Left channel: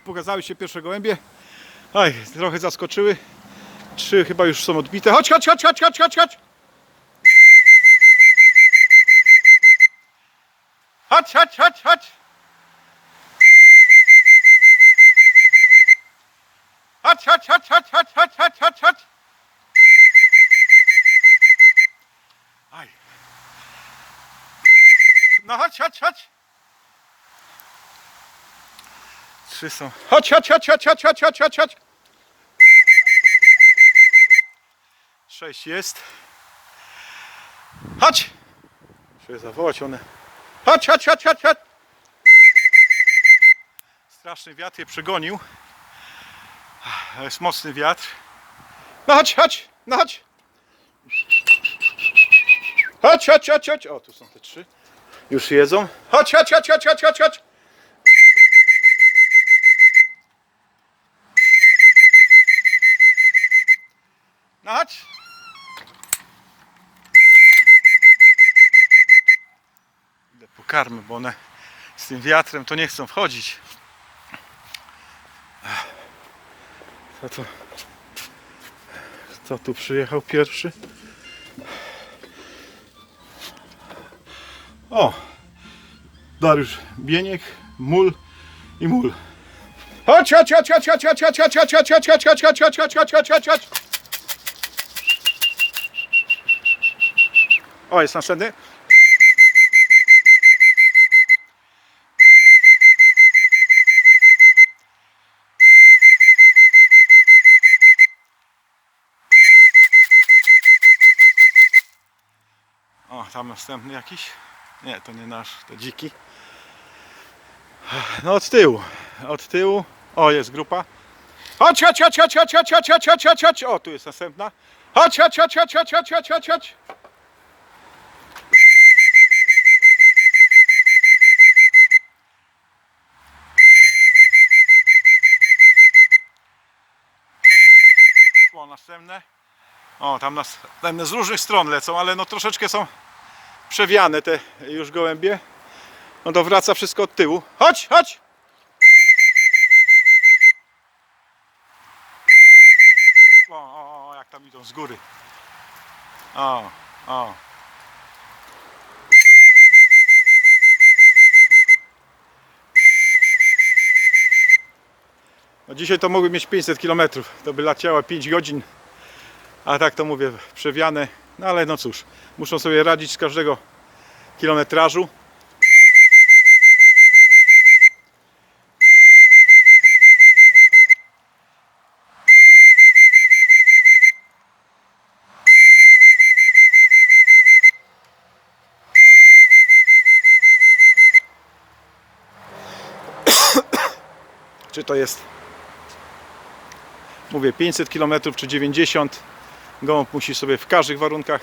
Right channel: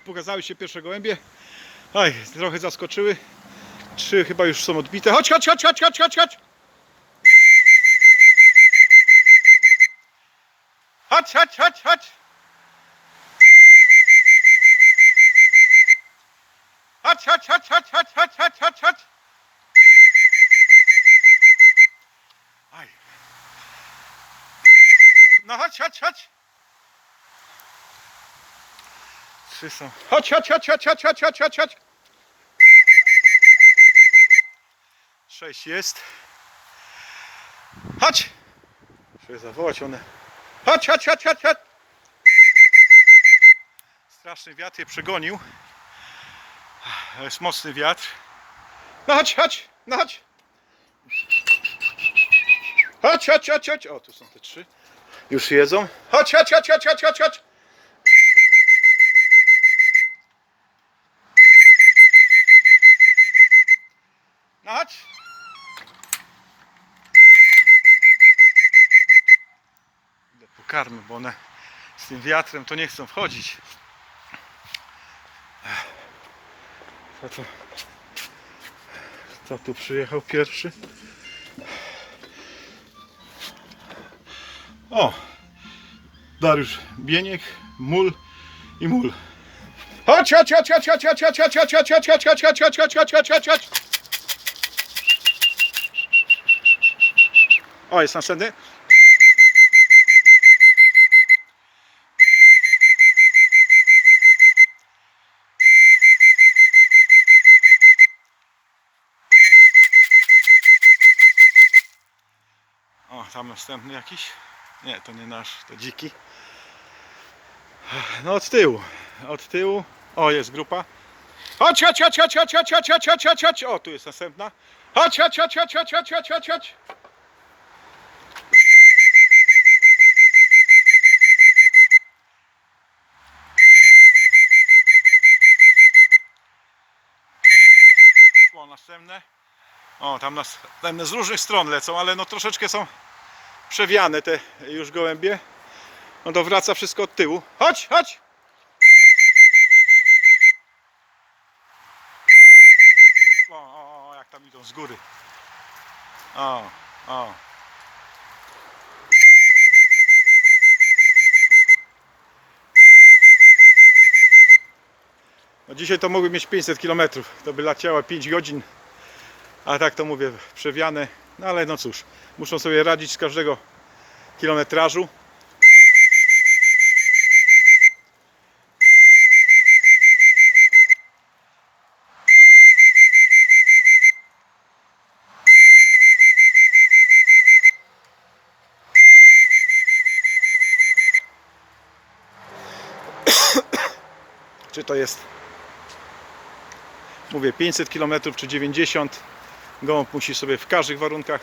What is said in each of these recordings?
pokazały się pierwsze gołębie. Aj, trochę zaskoczyły. Trzy chyba już są odbite. Chodź, chodź, chodź, chodź, chodź, chodź, chodź. Chodź, chodź, chodź, chodź. Chodź, chodź, chodź, chodź, chodź, chodź, chodź, chodź, chodź. Aj. No chodź, chodź, chodź. Trzy są. Chodź, chodź, chodź, chodź, chodź, chodź, chodź, chodź, chodź. Sześć jest. Chodź. Muszę zawołać one. Chodź, chodź, chodź, chodź, chodź. Straszny wiatr je przegonił. To jest mocny wiatr. No chodź, chodź, no chodź. Chodź, chodź, chodź, chodź. O, tu są te trzy. Już jedzą. Chodź, chodź, chodź, chodź, chodź, chodź, chodź. No chodź. Idę pokarmy, bo one z tym wiatrem to nie chcą wchodzić. Co to? Kto tu przyjechał pierwszy? O! Dariusz Bieniek, Mul i Mul. Chodź, chodź, chodź, chodź, chodź, chodź, chodź, chodź, chodź, chodź, chodź, chodź, chodź, chodź, chodź, chodź, chodź, chodź, chodź. O, jest następny. Tam następny jakiś. Nie, to nie nasz, to dziki. No od tyłu, od tyłu. O, jest grupa. Chodź, chodź, chodź, chodź, chodź, chodź, chodź, chodź, chodź, chodź. O, tu jest następna. Chodź, chodź, chodź, chodź, chodź, chodź, chodź, chodź, chodź. O, następne. O, tam następne z różnych stron lecą, ale no troszeczkę są przewiane te już gołębie. No to wraca wszystko od tyłu. Chodź, chodź! O, o, jak tam idą z góry. O, o. No dzisiaj to mogły mieć 500 km. To by leciała 5 godzin. A tak to mówię, przewiane. No ale no cóż, muszą sobie radzić z każdego kilometrażu. Czy to jest, mówię, 500 km czy 90 Gołąb musi sobie w każdych warunkach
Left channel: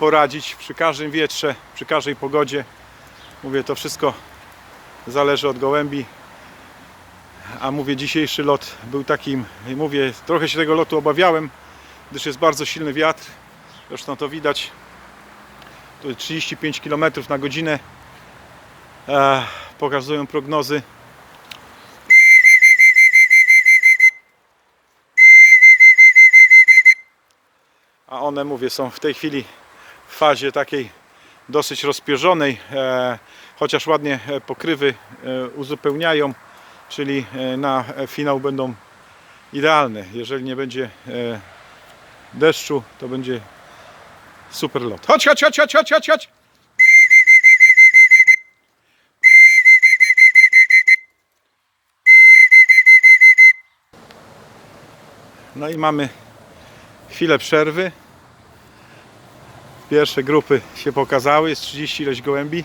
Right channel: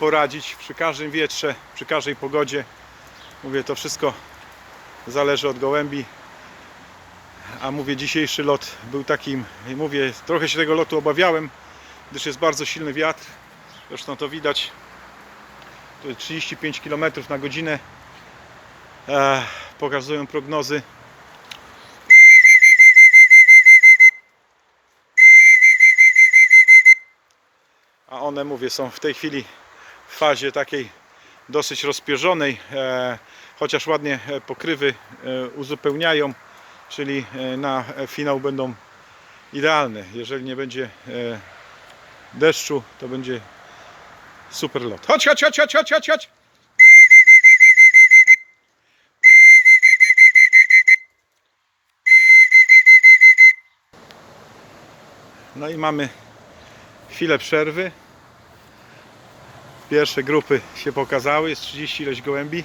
poradzić, przy każdym wietrze, przy każdej pogodzie. Mówię, to wszystko zależy od gołębi. A mówię, dzisiejszy lot był takim, mówię, trochę się tego lotu obawiałem, gdyż jest bardzo silny wiatr. Zresztą to widać. To jest 35 km na godzinę. E, pokazują prognozy. a one mówię są w tej chwili fazie takiej dosyć rozpierzonej, e, chociaż ładnie e, pokrywy e, uzupełniają, czyli na finał będą idealne. Jeżeli nie będzie deszczu, to będzie super lot. Chodź, chodź, chodź, chodź, chodź, chodź, chodź. No i mamy chwilę przerwy. Pierwsze grupy się pokazały, jest 30 ileś gołębi.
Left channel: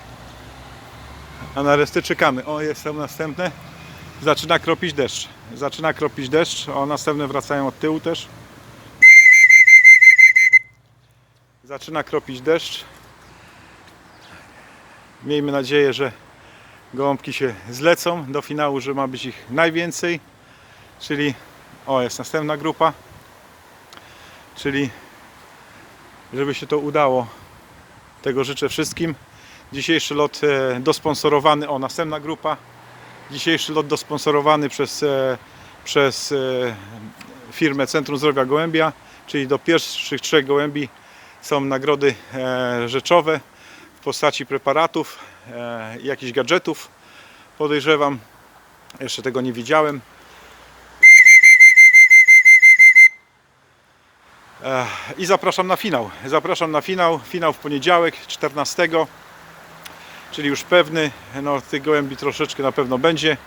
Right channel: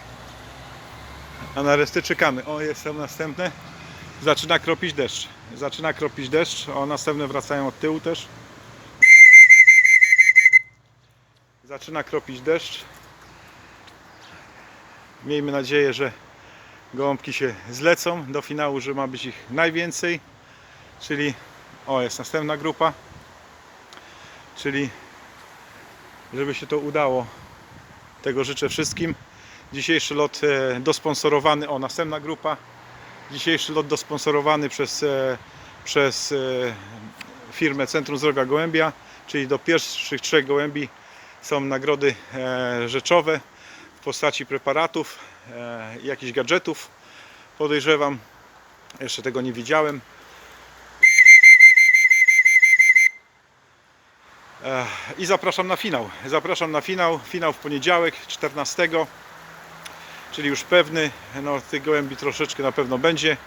A na resztę czekamy. O, jest tam następne. Zaczyna kropić deszcz. Zaczyna kropić deszcz. O, następne wracają od tyłu też. Zaczyna kropić deszcz. Miejmy nadzieję, że gołąbki się zlecą do finału, że ma być ich najwięcej. Czyli, o, jest następna grupa. Czyli żeby się to udało. Tego życzę wszystkim. Dzisiejszy lot e, dosponsorowany, o następna grupa Dzisiejszy lot dosponsorowany przez, e, przez e, firmę Centrum Zdrowia Gołębia, czyli do pierwszych trzech gołębi są nagrody rzeczowe w postaci preparatów jakichś gadżetów. Podejrzewam, jeszcze tego nie widziałem. I zapraszam na finał. Zapraszam na finał. Finał w poniedziałek 14, czyli już pewny. No, tych gołębi troszeczkę na pewno będzie.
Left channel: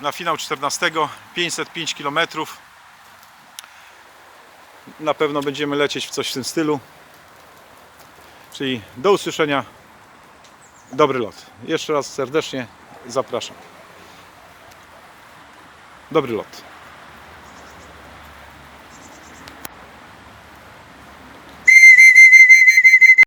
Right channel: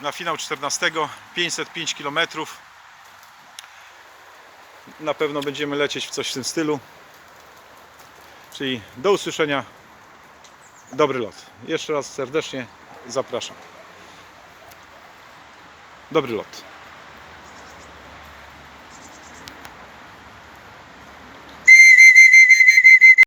Na finał 14, 505 km. Na pewno będziemy lecieć w coś w tym stylu. Czyli do usłyszenia. Dobry lot. Jeszcze raz serdecznie zapraszam. Dobry lot.